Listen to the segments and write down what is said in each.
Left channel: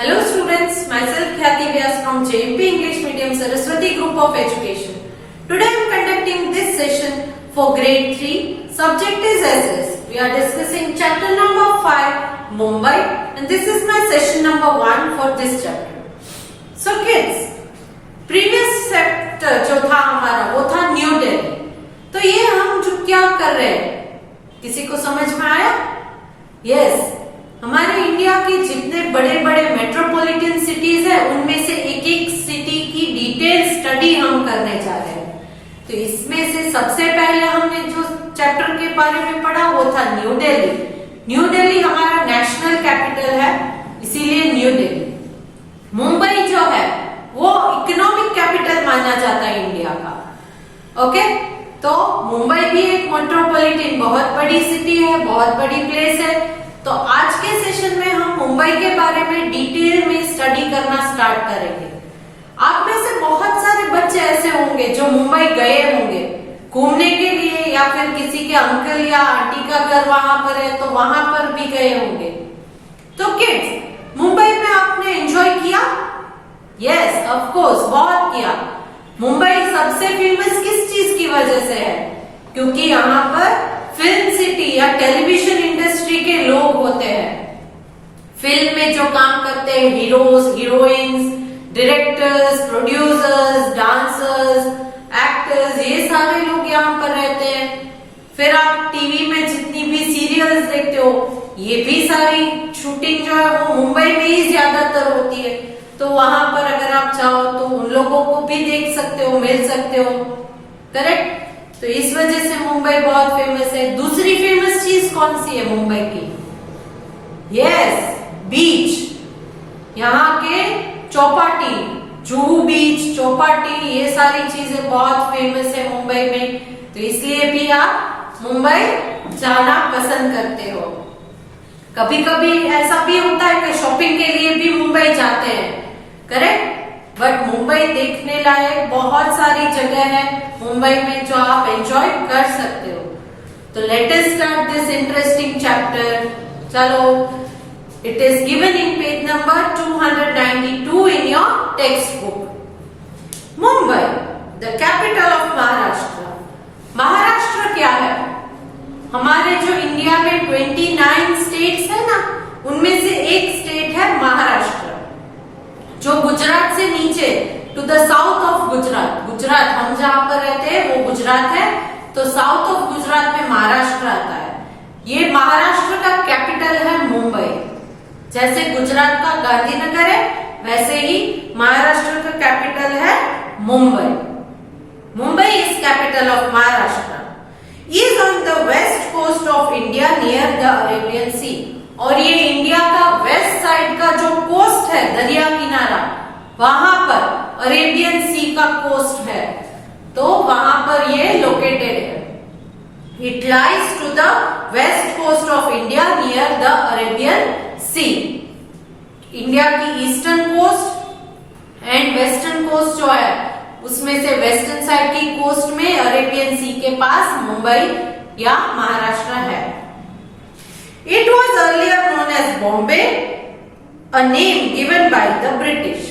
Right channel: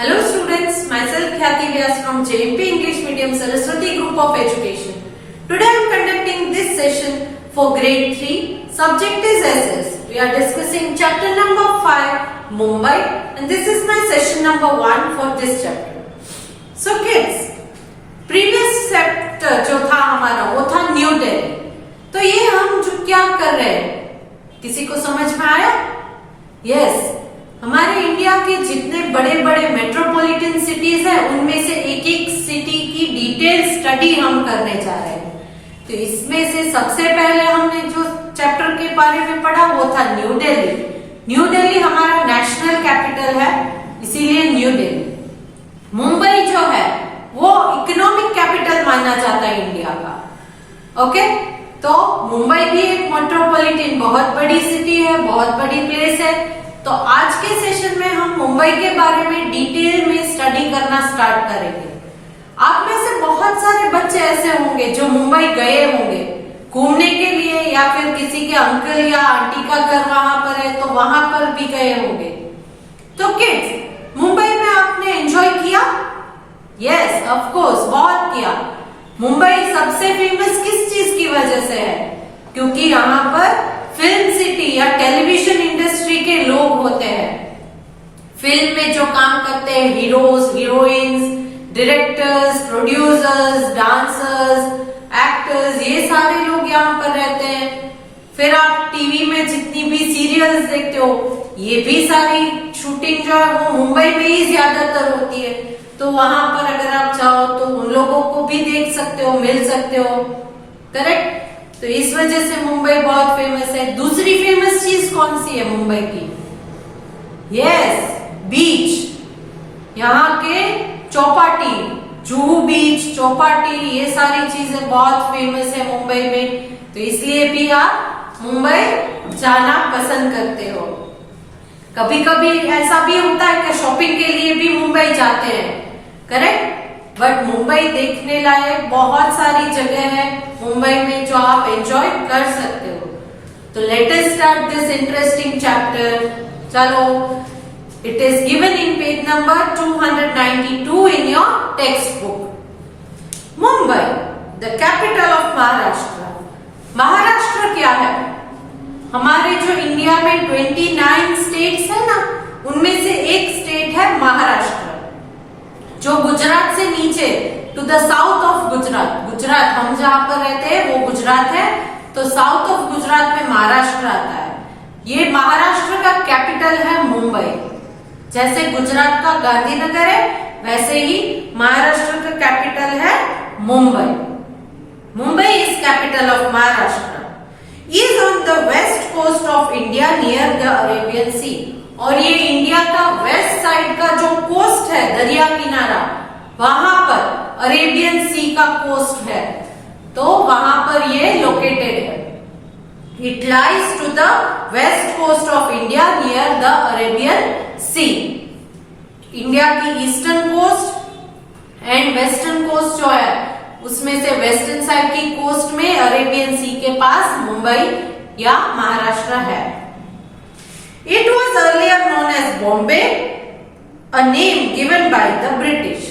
Hello students, myself Khyati Vyas from JMP English Medium Saraswati Group of Education. Today I am conducting this session for grade 3. Subject is SS. We are discussing chapter number 5, Mumbai, and this is my session number 1 for this chapter. So kids, previous chapter जो था हमारा वो था new Delhi. तो ये हम जो क्या कर रहे हैं, किसी को समझ में आया? Yes. हमारे इंडिया के जितने बड़े बड़े मेट्रोपॉलिटन सिटीज हैं उनमें से एक एक सिटी की डिटेल स्टडी हम करने जा रहे हैं. तो इसमें से सबसे पहले हमने जो चैप्टर के बारे में पढ़ा वो था न्यू दिल्ली. न्यू दिल्ली हमारा नेशनल कैपिटल है, इसीलिए न्यू दिल्ली. मुंबई जो है वो इकोनॉमिक कैपिटल माना जाता है इंडिया का. ओके, तो मुंबई भी एक मेट्रोपॉलिटन बहुत बड़ी सिटी है, बहुत बड़ी प्लेस है. तो आज के सेशन में हम मुंबई के बारे में डिटेल में स्टडी करना स्टार्ट करेंगे. आप में से बहुत सारे बच्चे ऐसे होंगे जो मुंबई गए होंगे घूमने के लिए, या फिर किसी के अंकल या आंटी का घर वहां पर है तो वहां पर भी गए होंगे. तो किड्स, मुंबई में आपने एंजॉय किया? यस, ऑफ कोर्स, बहुत किया. मुंबई सबसे फेमस किस चीज की वजह से है? क्योंकि यहाँ पर फिल्म सिटी या टेलीविजन इंडस्ट्री के लोग होते हैं. फिल्म में जो काम करते हैं, heroes, heroines, directors, producers, dancers, actors, ये सारे लोग यहाँ पर रहते हैं. फिर आप टीवी में जितनी भी सीरियल्स देखते हो, ये भी सारी शूटिंग जो है वो मुंबई में ही ज्यादातर होती है. तो वहां पर अगर आप चाहो तो उन लोगों को भी देख सकते हो, मिल सकते हो. करेक्ट? तो इस वजह से मुंबई बहुत फेमस है. दूसरी फेमस चीज कौन सी है मुंबई की? यस, बीच. यहाँ के चौपाटी, जुहू बीच, चौपाटी, ये सारी चीजें बहुत फेमस है मुंबई में. तो इसलिए भी आप मुंबई जाना पसंद करते हो. कभी कभी ऐसा भी होता है कि शॉपिंग के लिए भी मुंबई जाते हैं. करेक्ट? बट मुंबई देखने लायक बहुत सारी जगह है मुंबई में जो आप एंजॉय कर सकते हो. तो let us start this interesting chapter. चलो, it is given in page number 292 in your text book. Mumbai, the capital of Maharashtra. Maharashtra क्या है? हमारे जो इंडिया में 29 स्टेट्स है ना, उनमें से एक स्टेट है महाराष्ट्र, जो गुजरात से नीचे to the south of Gujarat. Gujarat हम जहां पर रहते हैं वो गुजरात है, तो साउथ ऑफ गुजरात में महाराष्ट्र आता है. ये महाराष्ट्र का कैपिटल है मुंबई. जैसे गुजरात का गांधीनगर है, वैसे ही महाराष्ट्र का कैपिटल है Mumbai. Mumbai is capital of Maharashtra. Is on the west coast of India near the Arabian sea. और ये इंडिया का वेस्ट साइड का जो कोस्ट है, दरिया किनारा, वहां पर अरेबियन सी का कोस्ट है, तो वहां पर ये लोकेटेड है. It lies to the west coast of India near the Arabian sea. India की eastern coast and western coast जो है, उसमें से वेस्टर्न साइड की कोस्ट में अरेबियन सी के पास मुंबई या महाराष्ट्र है. It was earlier known as Bombay, a name given by the British.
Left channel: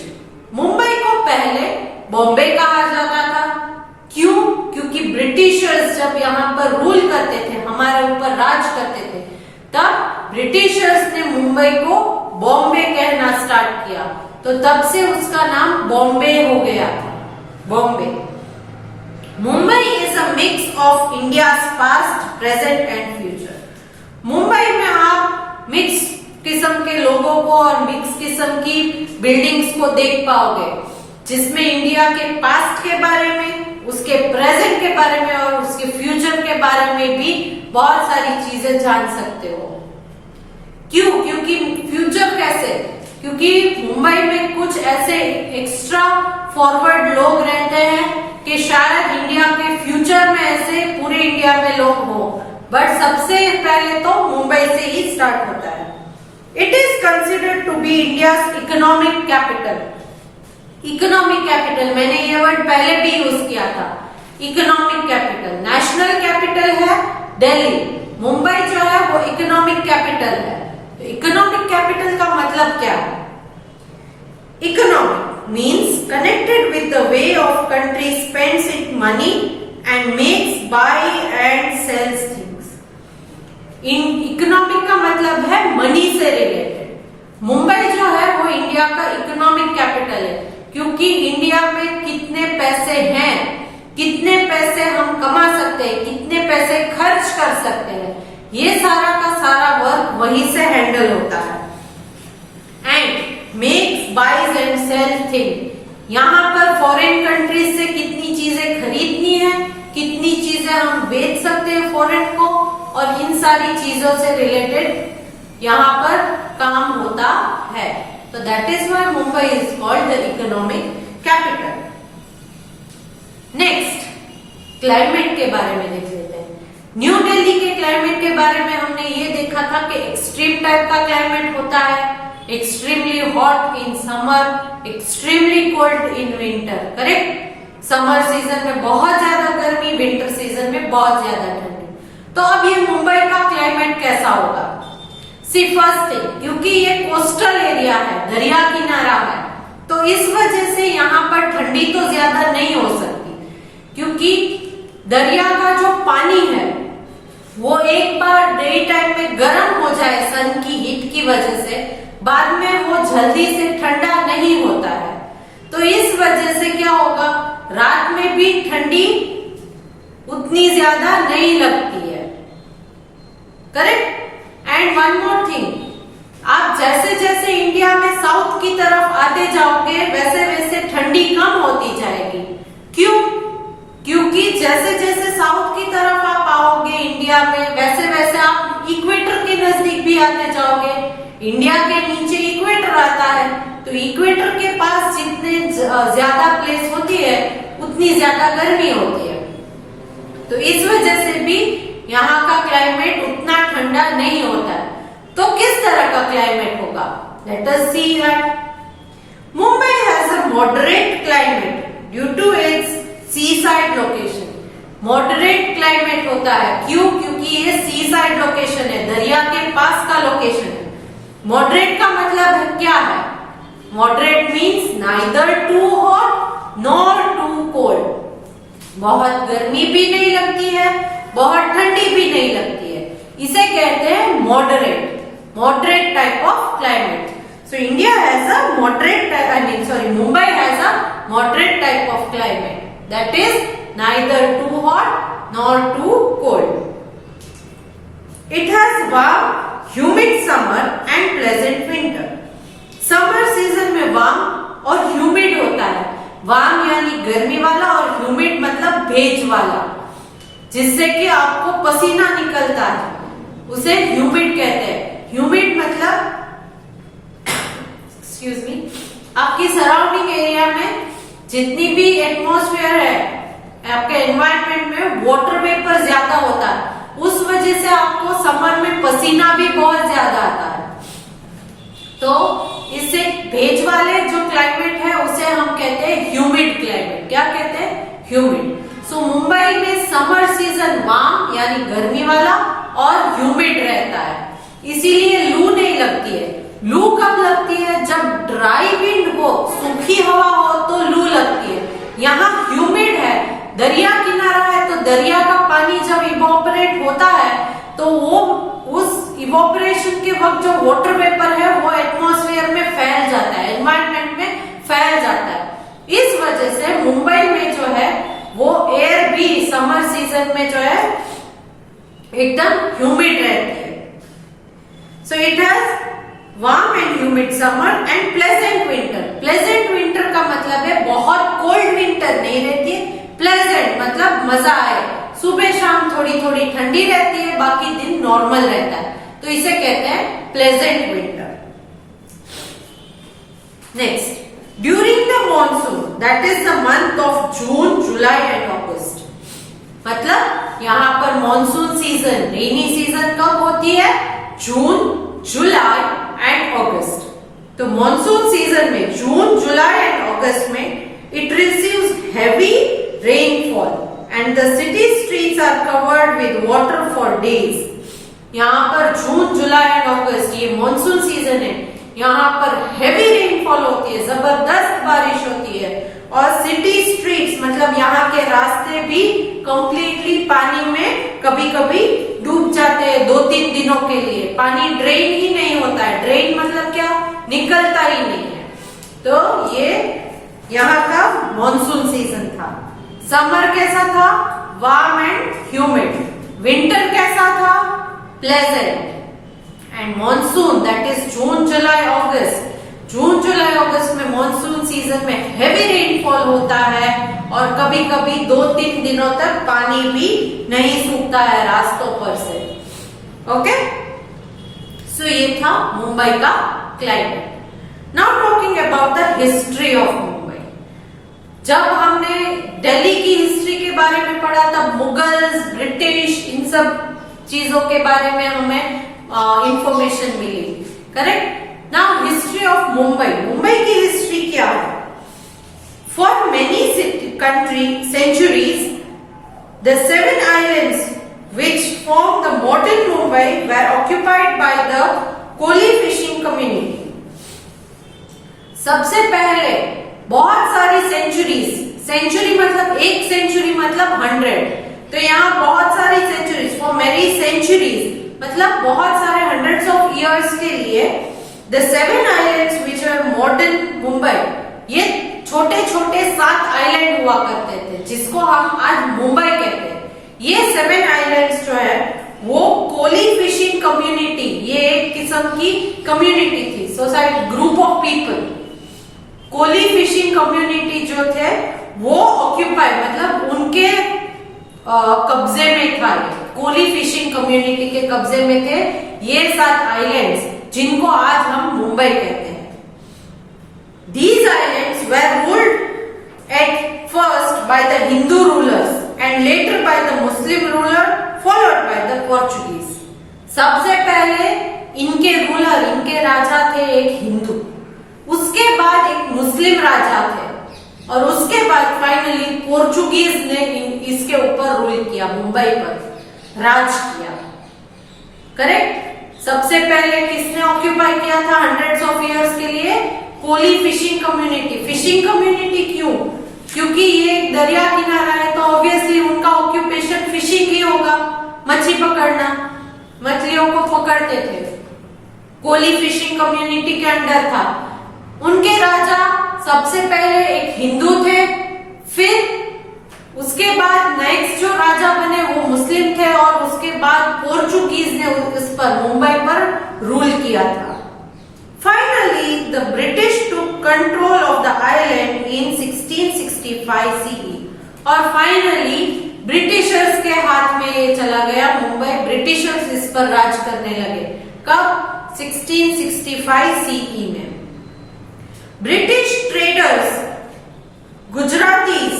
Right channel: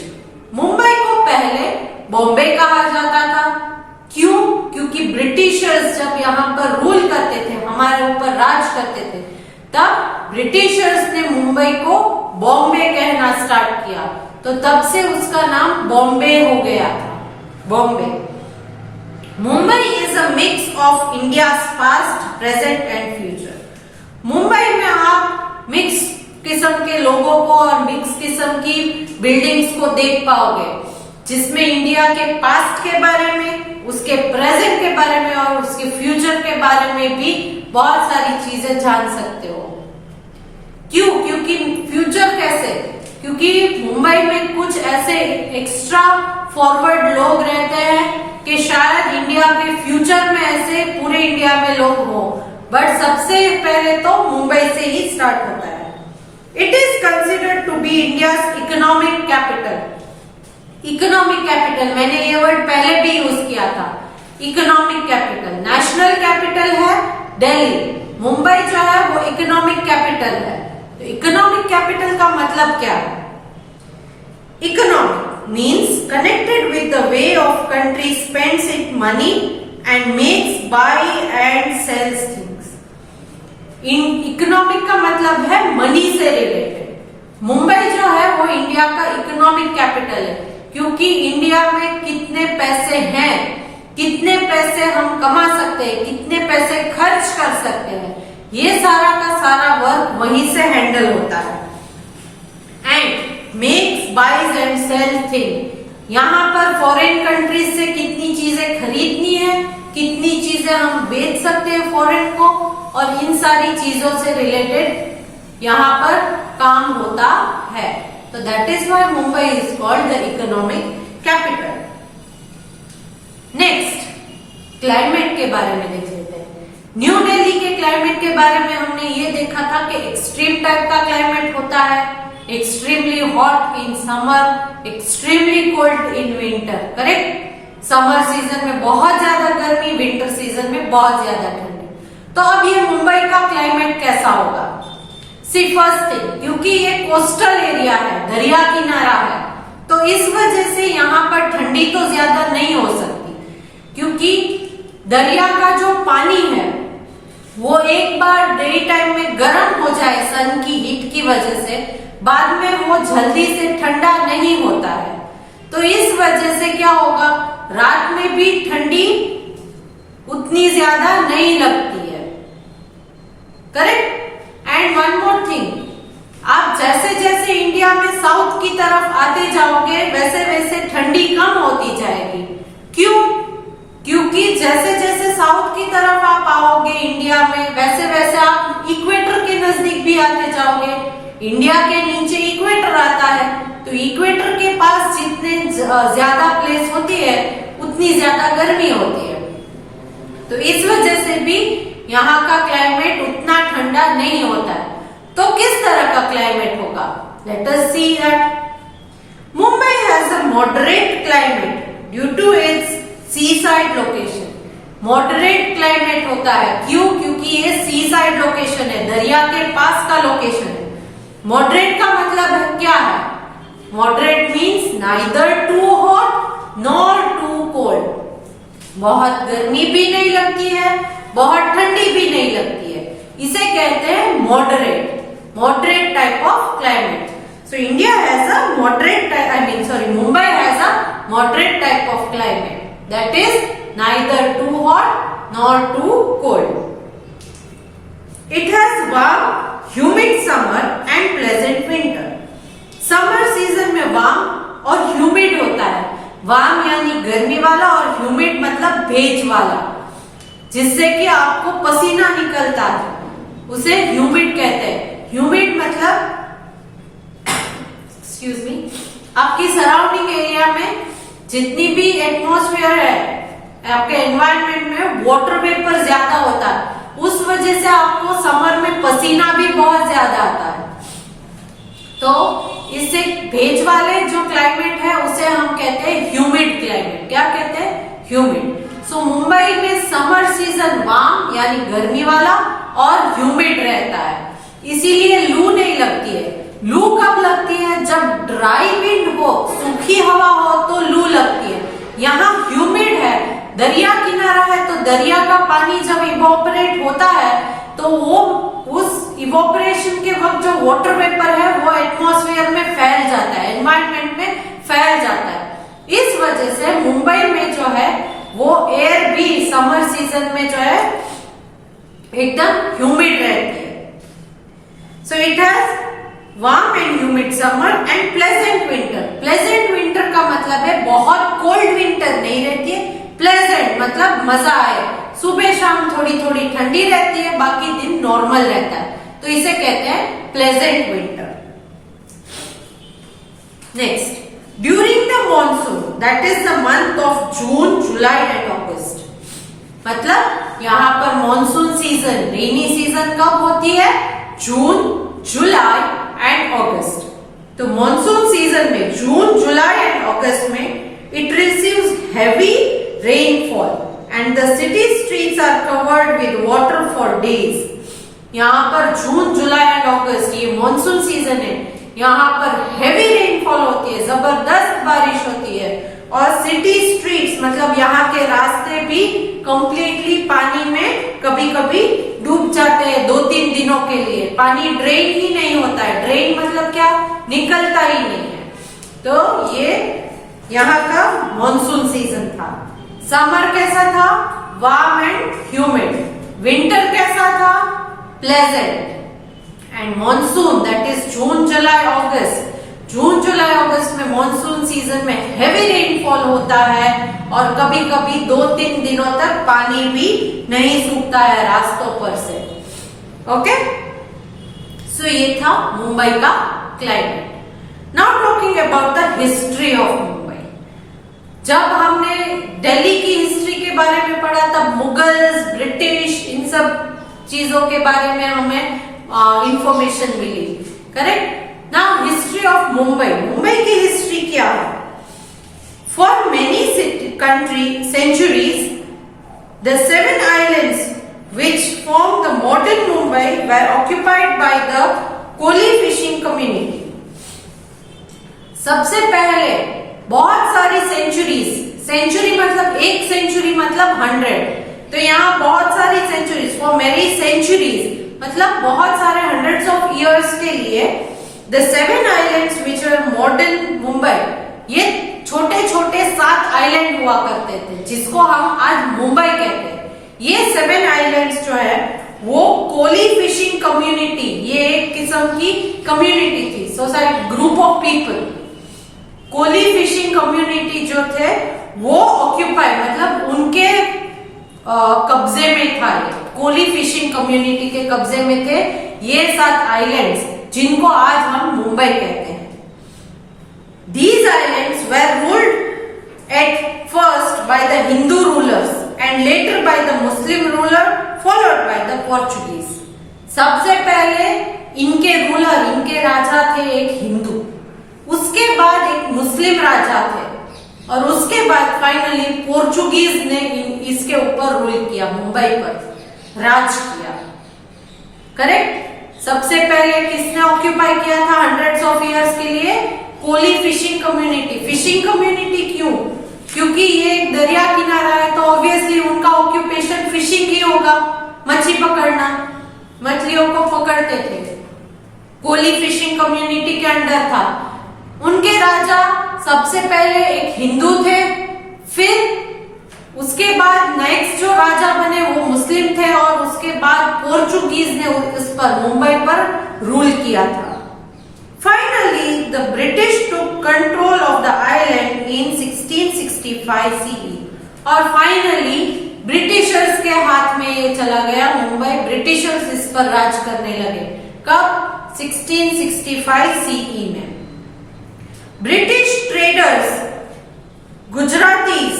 Mumbai को पहले बॉम्बे कहा जाता था. क्यों? क्योंकि ब्रिटिशर्स जब यहाँ पर रूल करते थे, हमारे ऊपर राज करते थे, तब ब्रिटिशर्स ने मुंबई को बॉम्बे कहना स्टार्ट किया. तो तब से उसका नाम बॉम्बे हो गया था, Bombay. Mumbai is a mix of India's past, present and future. Mumbai में आप मिक्स किस्म के लोगों को और मिक्स किस्म की बिल्डिंग्स को देख पाओगे, जिसमें इंडिया के पास्ट के बारे में, उसके प्रेजेंट के बारे में और उसके फ्यूचर के बारे में भी बहुत सारी चीजें जान सकते हो. क्यों? क्योंकि फ्यूचर कैसे? क्योंकि मुंबई में कुछ ऐसे एक्स्ट्रा फॉरवर्ड लोग रहते हैं कि शायद इंडिया के फ्यूचर में ऐसे पूरे इंडिया में लोग हो, बट सबसे पहले तो मुंबई से ही स्टार्ट होता है. It is considered to be India's economic capital. Economic capital, मैंने ये वर्ड पहले भी यूज किया था. Economic capital. नेशनल कैपिटल है दिल्ली, मुंबई जो है वो इकोनॉमिक कैपिटल है. तो इकोनॉमिक कैपिटल का मतलब क्या है? Economic means connected with the way of country spends its money and makes buy and sells things. In economic का मतलब है मनी से रिलेटेड। मुंबई जो है वो इंडिया का इकोनॉमिक कैपिटल है, क्योंकि इंडिया में कितने पैसे हैं, कितने पैसे हम कमा सकते हैं, कितने पैसे खर्च कर सकते हैं, ये सारा का सारा वर्क वहीं से हैंडल होता है। And makes buys and sell thing, यहाँ पर फॉरेन कंट्रीज से कितनी चीजें खरीदनी है, कितनी चीजें हम बेच सकते हैं फॉरेन को, और इन सारी चीजों से रिलेटेड यहाँ पर काम होता है। तो that is why Mumbai is called the economic capital. Next, climate के बारे में देख लेते हैं। न्यू दिल्ली के क्लाइमेट के बारे में हमने ये देखा था कि एक्सट्रीम टाइप का क्लाइमेट होता है, extremely hot in summer, extremely cold in winter. Correct, summer season में बहुत ज्यादा गर्मी, विंटर सीजन में बहुत ज्यादा ठंडी। तो अब ये मुंबई का क्लाइमेट कैसा होगा? सी फर्स्ट थिंग, क्योंकि ये कोस्टल एरिया है, दरिया किनारा है, तो इस वजह से यहाँ पर ठंडी तो ज्यादा नहीं हो सकती, क्योंकि दरिया का जो पानी है वो एक बार डे टाइम में गर्म हो जाए सन की हीट की वजह से, बाद में वो जल्दी से ठंडा नहीं होता है। तो इस वजह से क्या होगा, रात में भी ठंडी उतनी ज्यादा नहीं लगती है। Correct. And one more thing, आप जैसे जैसे इंडिया में साउथ की तरफ आते जाओगे वैसे वैसे ठंडी कम होती जाएगी। क्यों? क्योंकि जैसे जैसे साउथ की तरफ आप आओगे इंडिया में, वैसे वैसे आप इक्वेटर के नजदीक भी आते जाओगे। इंडिया के नीचे इक्वेटर आता है, तो इक्वेटर के पास जितने ज्यादा प्लेस होती है उतनी ज्यादा गर्मी होती है। तो इस वजह से भी यहाँ का क्लाइमेट उतना ठंडा नहीं होता है। तो किस तरह का क्लाइमेट होगा? Let us see that Mumbai has a moderate climate due to its seaside location. Moderate climate होता है, क्यों? क्योंकि ये सी साइड लोकेशन है, दरिया के पास का लोकेशन है। मॉडरेट का मतलब क्या है? Moderate means neither too hot nor too cold. बहुत गर्मी भी नहीं लगती है, बहुत ठंडी भी नहीं लगती है, इसे कहते हैं moderate, moderate type of climate. So India has a moderate, Mumbai has a moderate type of climate, that is neither too hot nor too cold. It has warm, humid summer and pleasant winter. Summer season में warm और humid होता है। warm यानी गर्मी वाला और humid मतलब भेज वाला, जिससे कि आपको पसीना निकलता है, उसे humid कहते हैं। humid मतलब एक्सक्यूज मी, आपकी सराउंडिंग एरिया में जितनी भी एटमॉस्फेयर है, आपके एनवायरनमेंट में वाटर वेपर ज्यादा होता है, उस वजह से आपको समर में पसीना भी बहुत ज्यादा आता है। तो इससे भेज वाले जो क्लाइमेट है उसे हम कहते हैं ह्यूमिड क्लाइमेट। क्या कहते हैं? ह्यूमिड। सो मुंबई में समर सीजन वार्म यानी गर्मी वाला और ह्यूमिड रहता है, इसीलिए लू नहीं लगती है। लू कब लगती है? जब ड्राई विंड हो, सूखी हवा हो तो लू लगती है। यहाँ ह्यूमिड है, दरिया किनारा है, तो दरिया का पानी जब इवोपरेट होता है तो वो उस इवोपरेशन के वक्त जो वाटर वेपर है वो एटमॉस्फेयर में फैल जाता है, एनवायरनमेंट में फैल जाता है। इस वजह से मुंबई में जो है वो एयर भी समर सीजन में जो है एकदम ह्यूमिड रहती है। So it has warm and humid summer and pleasant winter. Pleasant winter का मतलब है बहुत कोल्ड विंटर नहीं रहती है, प्लेजेंट मतलब मजा आए, सुबह शाम थोड़ी थोड़ी ठंडी रहती है, बाकी दिन नॉर्मल रहता है, तो इसे कहते हैं pleasant winter. Next, during the monsoon, that is the month of June, July and August. मतलब यहाँ पर मॉनसून सीजन, रेनी सीजन कब होती है? June, July and August. तो मॉनसून सीजन में जून, जुलाई एंड अगस्त में it receives heavy rainfall and the city streets are covered with water for days. यहाँ पर जून, जुलाई एंड अगस्त ये मॉनसून सीजन है, यहाँ पर हेवी रेनफॉल होती है, जबरदस्त बारिश होती है, और सिटी स्ट्रीट्स मतलब यहाँ के रास्ते भी कंप्लीटली पानी में कभी कभी डूब जाते हैं 2-3 दिनों के लिए। पानी ड्रेन ही नहीं होता है, ड्रेन मतलब क्या, निकलता ही नहीं है। तो ये यहाँ का मॉनसून सीजन था। समर कैसा था, वार्म एंड ह्यूमिड। विंटर कैसा था, pleasant. And monsoon that is June July August. जून जुलाई अगस्त में मॉनसून सीजन में हेवी रेनफॉल होता है और कभी कभी 2-3 दिनों तक पानी भी नहीं सूखता है रास्तों पर से। ओके, सो ये था मुंबई का climate. Now talking about the history of Mumbai. जब हमने दिल्ली की हिस्ट्री के बारे में पढ़ा तब मुगल्स, ब्रिटिश, इन सब चीजों के बारे में हमें इंफॉर्मेशन मिली, correct. Now history of Mumbai. Mumbai की हिस्ट्री क्या है? For many country centuries the 7 islands which form the modern Mumbai were occupied by the Koli fishing community. सबसे पहले बहुत सारी सेंचुरीज, सेंचुरी मतलब एक सेंचुरी मतलब 100, तो यहाँ बहुत सारी सेंचुरीज, फॉर मेनी सेंचुरीज मतलब बहुत सारे हंड्रेड्स ऑफ इयर्स के लिए the 7 islands which are modern Mumbai, ये छोटे छोटे 7 आइलैंड हुआ करते थे जिसको हम आज मुंबई कहते हैं। ये 7 आइलैंड्स जो है वो कोली फिशिंग कम्युनिटी, ये एक किस्म की कम्युनिटी थी, society, group of people. Koli fishing community जो थे वो ऑक्यूपाई मतलब उनके कब्जे में था। कोली फिशिंग कम्युनिटी के कब्जे में थे ये 7 आइलैंड्स जिनको आज हम मुंबई कहते हैं। These islands were ruled at first by the Hindu rulers and later by the Muslim ruler followed by the Portuguese. सबसे पहले इनके रूलर, इनके राजा थे एक हिंदू, उसके बाद एक मुस्लिम राजा थे और उसके बाद फाइनली पोर्चुगीज ने इसके ऊपर रूल किया, मुंबई पर राज किया, करेक्ट। सबसे पहले किसने ऑक्यूपाई किया था हंड्रेड्स ऑफ इयर्स के लिए? Koli fishing community. Fishing community क्यों? क्योंकि ये एक दरिया किनारा है तो ऑब्वियसली उनका ऑक्यूपेशन फिशिंग ही होगा, मछली पकड़ना, मछलियों को पकड़ते थे। कोली फिशिंग कम्युनिटी के अंडर था। उनके राजा सबसे पहले एक हिंदू थे, फिर उसके बाद नेक्स्ट जो राजा बने वो मुस्लिम थे और उसके बाद पोर्चुगीज ने इस पर, मुंबई पर रूल किया था। Finally, the British took control of the island in 1665 CE और फाइनली ब्रिटिशर्स के हाथ में ये चला गया मुंबई। ब्रिटिशर्स इस पर राज करने लगे। कब? 1665 CE में। British traders, Gujaratis,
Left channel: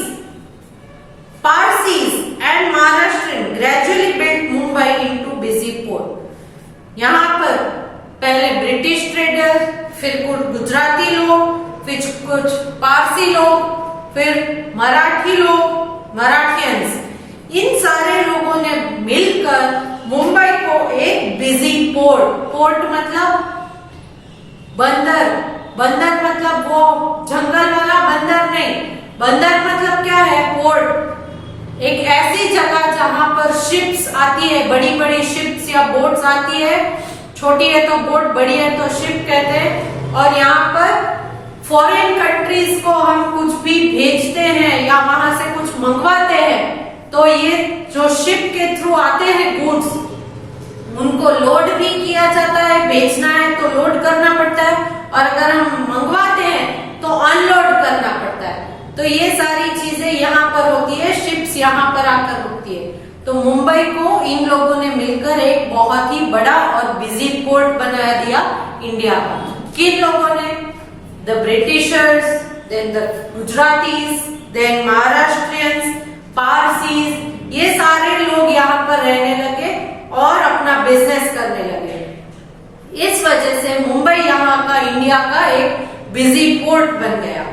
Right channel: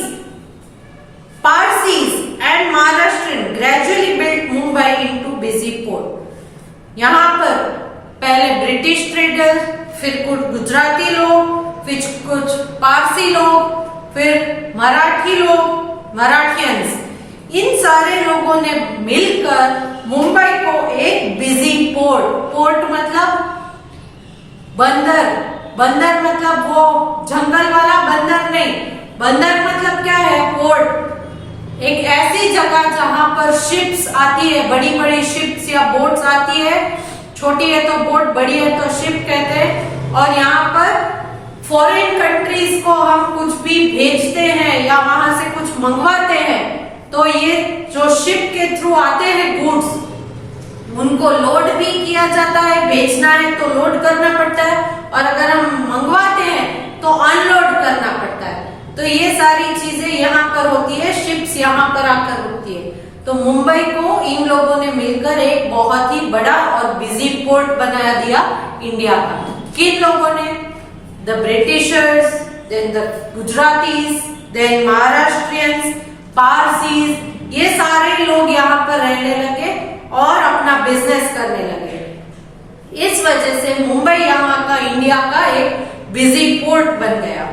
Parsis and Maharashtrian gradually built Mumbai into busy port. यहाँ पर पहले ब्रिटिश ट्रेडर, फिर कुछ गुजराती लोग, फिर कुछ पारसी लोग, फिर मराठी लोग, मराठियंस, इन सारे लोगों ने मिलकर मुंबई को एक बिजी पोर्ट, पोर्ट मतलब बंदर, बंदर मतलब वो जंगल वाला बंदर नहीं, बंदर मतलब क्या है? पोर्ट। एक ऐसी जगह जहां पर शिप्स आती है, बड़ी बड़ी शिप्स या बोट्स आती है, छोटी है तो बोट, बड़ी है तो शिप कहते हैं। और यहाँ पर फॉरेन कंट्रीज को हम कुछ भी भेजते हैं या वहां से कुछ मंगवाते हैं तो ये जो शिप के थ्रू आते हैं गुड्स, उनको लोड भी किया जाता है, बेचना है तो लोड करना पड़ता है और अगर हम मंगवाते हैं तो अनलोड करना पड़ता है। तो ये सारी चीजें यहाँ पर होती है, शिप्स यहाँ पर आकर रुकती है। तो मुंबई को इन लोगों ने मिलकर एक बहुत ही बड़ा और बिजी पोर्ट बना दिया इंडिया का। किन लोगों ने? The Britishers, then the Gujaratis, then Maharashtrians, Parsis, ये सारे लोग यहाँ पर रहने लगे और अपना बिजनेस करने लगे। इस वजह से मुंबई यहाँ का, इंडिया का एक बिजी पोर्ट बन गया।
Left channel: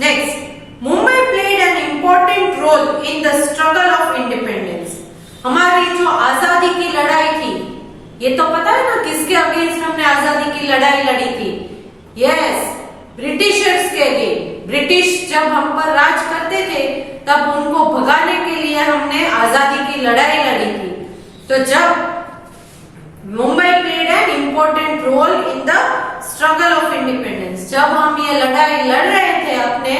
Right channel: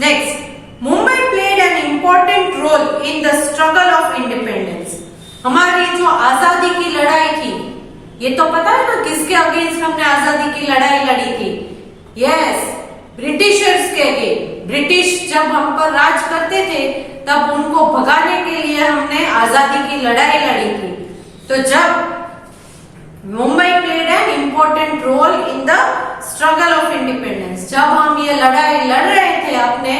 Next, Mumbai played an important role in the struggle of independence. हमारी जो आजादी की लड़ाई थी ये तो पता है ना किसके अगेंस्ट हमने आजादी की लड़ाई लड़ी थी? यस, ब्रिटिशर्स के अगेंस्ट। ब्रिटिश जब हम पर राज करते थे तब उनको भगाने के लिए हमने आजादी की लड़ाई लड़ी थी। तो जब Mumbai played an important role in the struggle of independence, जब हम ये लड़ाई लड़ रहे थे अपने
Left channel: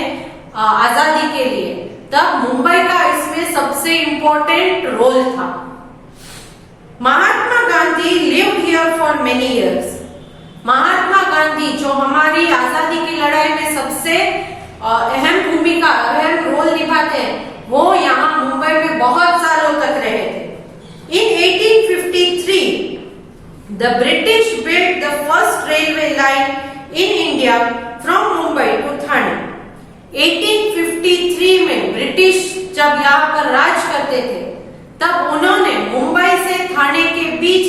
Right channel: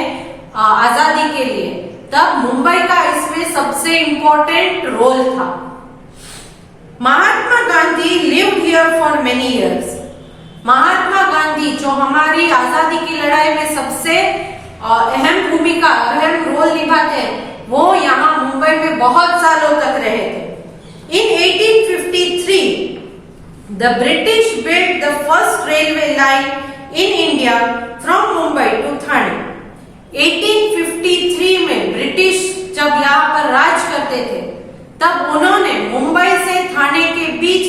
आजादी के लिए, तब मुंबई का इसमें सबसे इम्पोर्टेंट रोल था। Mahatma Gandhi lived here for many years. Mahatma Gandhi जो हमारी आजादी की लड़ाई में सबसे अहम भूमिका, अहम रोल निभाते हैं, वो यहाँ मुंबई में बहुत सालों तक रहे थे। In 1853, the British built the first railway line in India from Mumbai to Thane. 1853 में ब्रिटिश जब यहाँ पर राज करते थे, तब उन्होंने मुंबई से थाने के बीच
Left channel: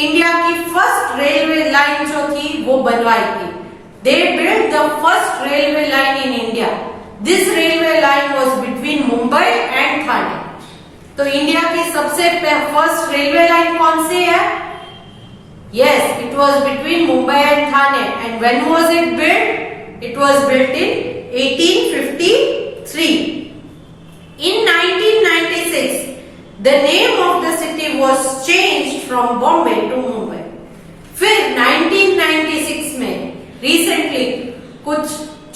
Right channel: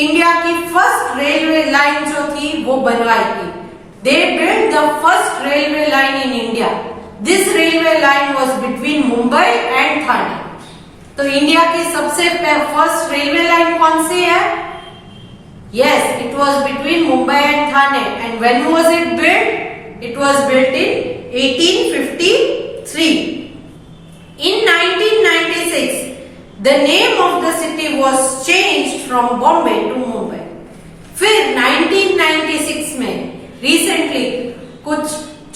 इंडिया की फर्स्ट रेलवे लाइन जो थी वो बनवाई थी। They built the first railway line in India. This railway line was between Mumbai and Thane. तो इंडिया की सबसे फर्स्ट रेलवे लाइन कौन सी है? Yes, it was between Mumbai and Thane. And when was it built? It was built in 1853. In 1996, the name of the city was changed from Bombay to Mumbai. फिर 1996 में recently कुछ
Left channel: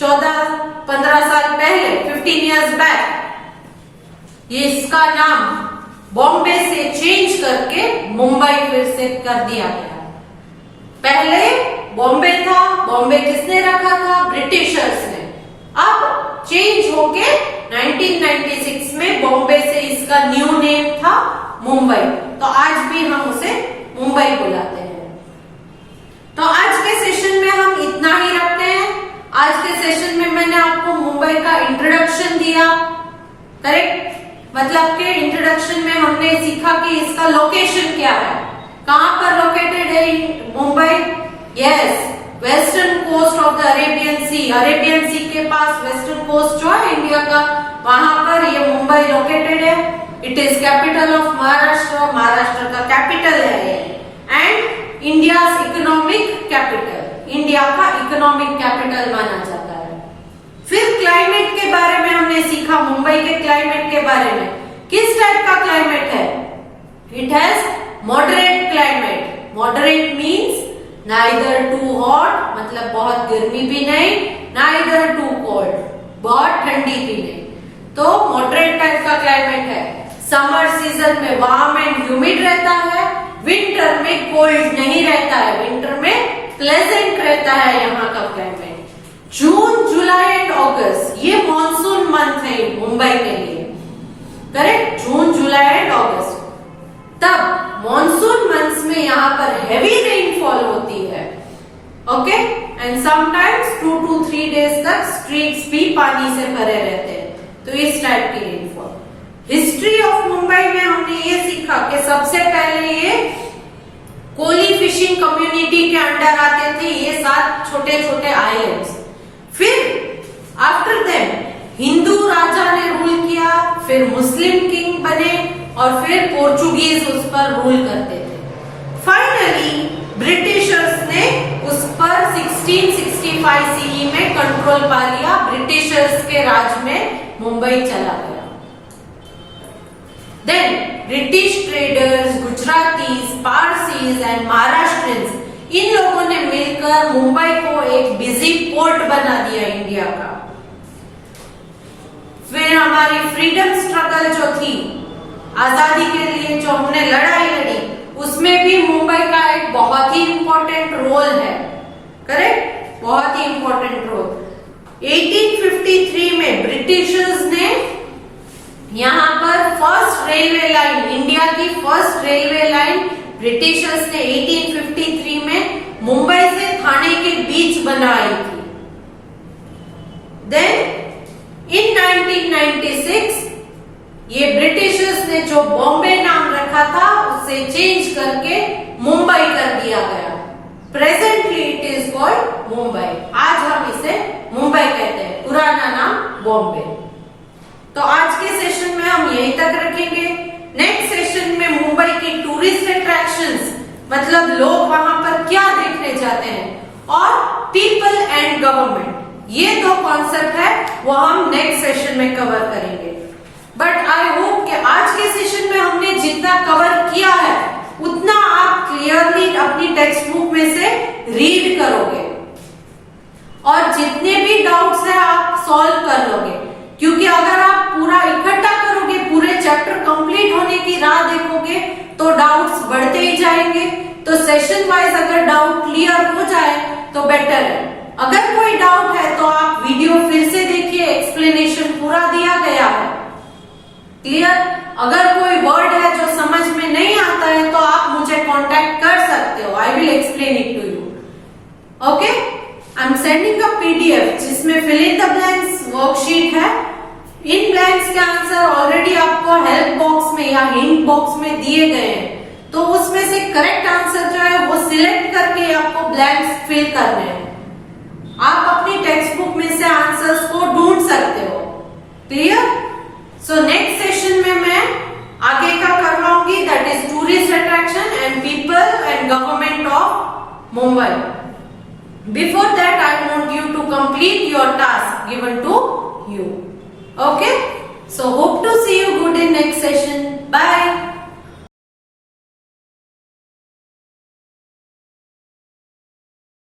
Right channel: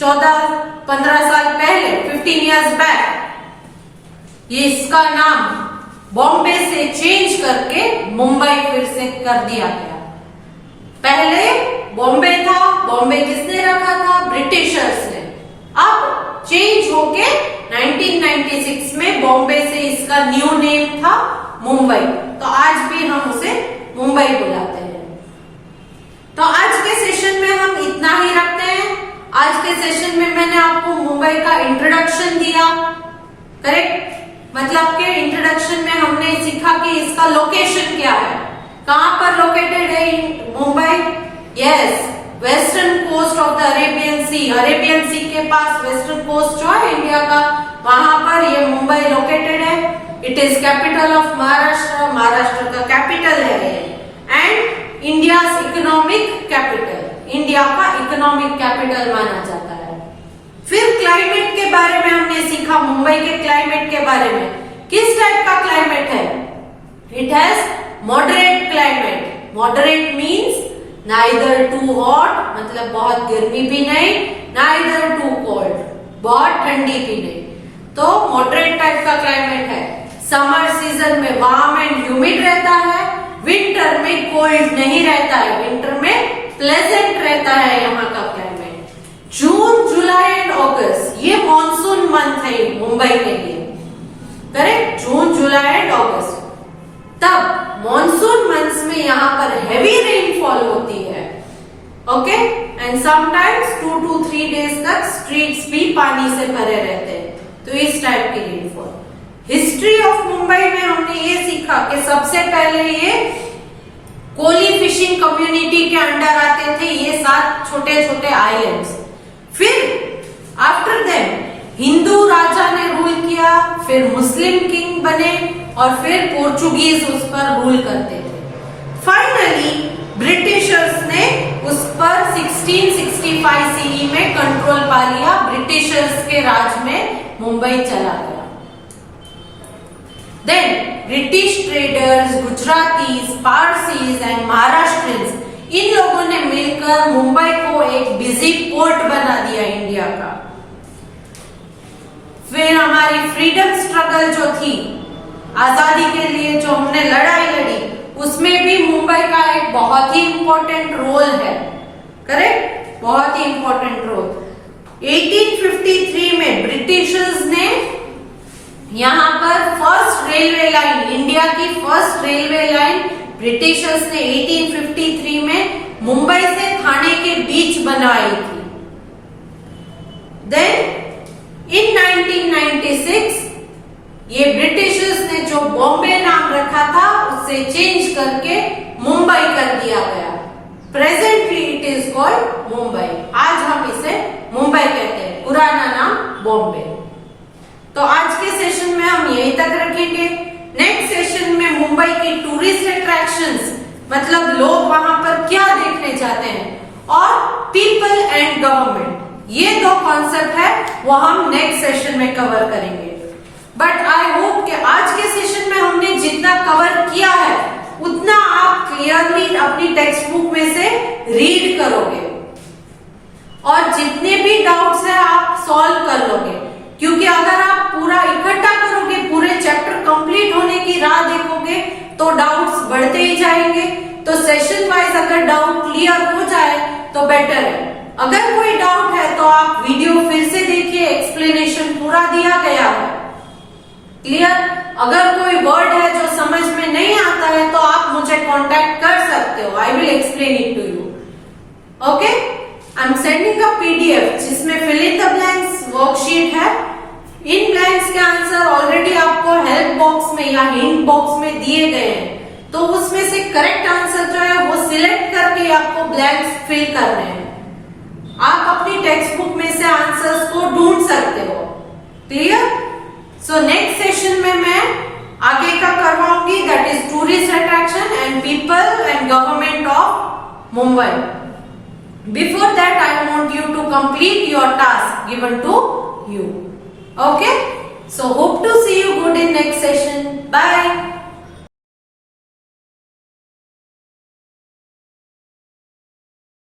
14-15 साल पहले, 15 years back, ये इसका नाम बॉम्बे से change करके मुंबई फिर से कर दिया गया। पहले बॉम्बे था, बॉम्बे किसने रखा था? ब्रिटिशर्स ने। अब चेंज होके 1996 में बॉम्बे से इसका न्यू नेम था मुंबई। तो आज भी हम उसे मुंबई बुलाते हैं। तो आज के सेशन में हम इतना ही रखते हैं। आज के सेशन में मैंने आपको मुंबई का इंट्रोडक्शन दिया, करेक्ट? मतलब के इंट्रोडक्शन में हमने सीखा कि इसका लोकेशन क्या है, कहां पर लोकेटेड है Mumbai? Yes, western coast of the Arabian sea. Arabian sea के पास वेस्टर्न कोस्ट जो है इंडिया का, वहां पर ये मुंबई लोकेटेड है। It is capital of Maharashtra, Maharashtra का कैपिटल है and India economic capital, India का इकोनॉमिक कैपिटल माना जाता है। फिर क्लाइमेट के बारे में हमने सीखा, मुंबई के क्लाइमेट के बारे में। किस टाइप का क्लाइमेट है? It has moderate climate. Moderate means neither too hot, मतलब बहुत गर्मी भी नहीं, नाइदर टू कोल्ड, बहुत ठंडी भी नहीं। तो मॉडरेट टाइप का क्लाइमेट है। समर सीजन में वार्म एंड ह्यूमिड रहता है, विंटर में कोल्ड नहीं रहता है, विंटर में प्लेजेंट रहता है यहाँ का क्लाइमेट। जून, जुलाई एंड अगस्त ये मॉनसून मंथ है मुंबई के लिए, करेक्ट? जून, जुलाई एंड अगस्त। तब मॉनसून मंथ्स में यहाँ पर हेवी रेनफॉल होती है, okay? And sometimes 2 to 3 days तक स्ट्रीट्स भी पानी से भरे रहते हैं। तो इस टाइप की रेनफॉल। हिस्ट्री ऑफ मुंबई में हमने ये सीखा कि सबसे पहले ये कोली फिशिंग कम्युनिटी के अंडर आते थे ये 7 छोटे छोटे आइलैंड्स। फिर आफ्टर देन हिंदू राजा ने रूल किया, फिर मुस्लिम किंग बने और फिर पोर्चुगीज उस पर रूल करते थे। फाइनली ब्रिटिशर्स ने उस पर 1665 सीई में कंट्रोल पा लिया। ब्रिटिशर्स के राज में मुंबई चला गया। Then British traders, Gujaratis, Parsis and Maharashtrians, इन लोगों ने मिलकर मुंबई को एक बिजी पोर्ट बना दिया इंडिया का। फिर हमारी फ्रीडम स्ट्रगल जो थी, आजादी के लिए जो हमने लड़ाई लड़ी, उसमें भी मुंबई का एक बहुत ही इंपॉर्टेंट रोल है, करेक्ट? बहुत ही इंपॉर्टेंट रोल। 1853 में ब्रिटिशर्स ने यहाँ पर फर्स्ट रेलवे लाइन, इंडिया की फर्स्ट रेलवे लाइन ब्रिटिशर्स ने 1853 में मुंबई से थाने के बीच बनवाई थी। देन इन 1996 ये ब्रिटिशर्स ने जो बॉम्बे नाम रखा था उसे चेंज करके मुंबई कर दिया गया। Presently it is called Mumbai. आज हम इसे मुंबई कहते हैं, पुराना नाम बॉम्बे। तो आज के सेशन में हम यहीं तक रखेंगे। नेक्स्ट सेशन में मुंबई की टूरिस्ट अट्रैक्शंस, मतलब लोग वहां पर क्या देखने जाते हैं, और पीपल एंड गवर्नमेंट, ये दो कॉन्सेप्ट है वो हम नेक्स्ट सेशन में कवर करेंगे। बट आई होप कि आज के सेशन में हमने जितना कवर किया है उतना आप क्लियरली अपनी टेक्स्ट बुक में से रीड करोगे और जितने भी डाउट्स है आप सॉल्व कर लोगे, क्योंकि अगर आप पूरा इकट्ठा करोगे, पूरे चैप्टर कंप्लीट होने की राह देखोगे तो डाउट्स बढ़ते ही जाएंगे। तो सेशन वाइज अगर डाउट क्लियर हो जाए तो बेटर है। अगर कोई डाउट है तो आप वीडियो फिर से देखिए, एक्सप्लेनेशन पूरा दिया गया है। क्लियर? अगर कोई वर्ड है जो समझ में नहीं आता है तो आप मुझे कांटेक्ट कर सकते हो, I will explain it to you. Okay, I am sending a PDF जिसमें fill in the blanks worksheet है। इन ब्लैंक्स के आंसर ऑलरेडी आपको हेल्प बॉक्स में या हिंट बॉक्स में दिए गए हैं, तो उसमें से करेक्ट आंसर जो है वो सिलेक्ट करके आपको ब्लैंक्स फिल करने हैं। आप अपनी टेक्स्ट बुक में से आंसर्स को ढूंढ सकते हो। क्लियर? सो नेक्स्ट सेशन में मैं आगे का करवाऊंगी, that is tourist attraction and people and government of Mumbai. Before that, I want you to complete your task given to you. Okay? So hope to see you good in next session. Bye.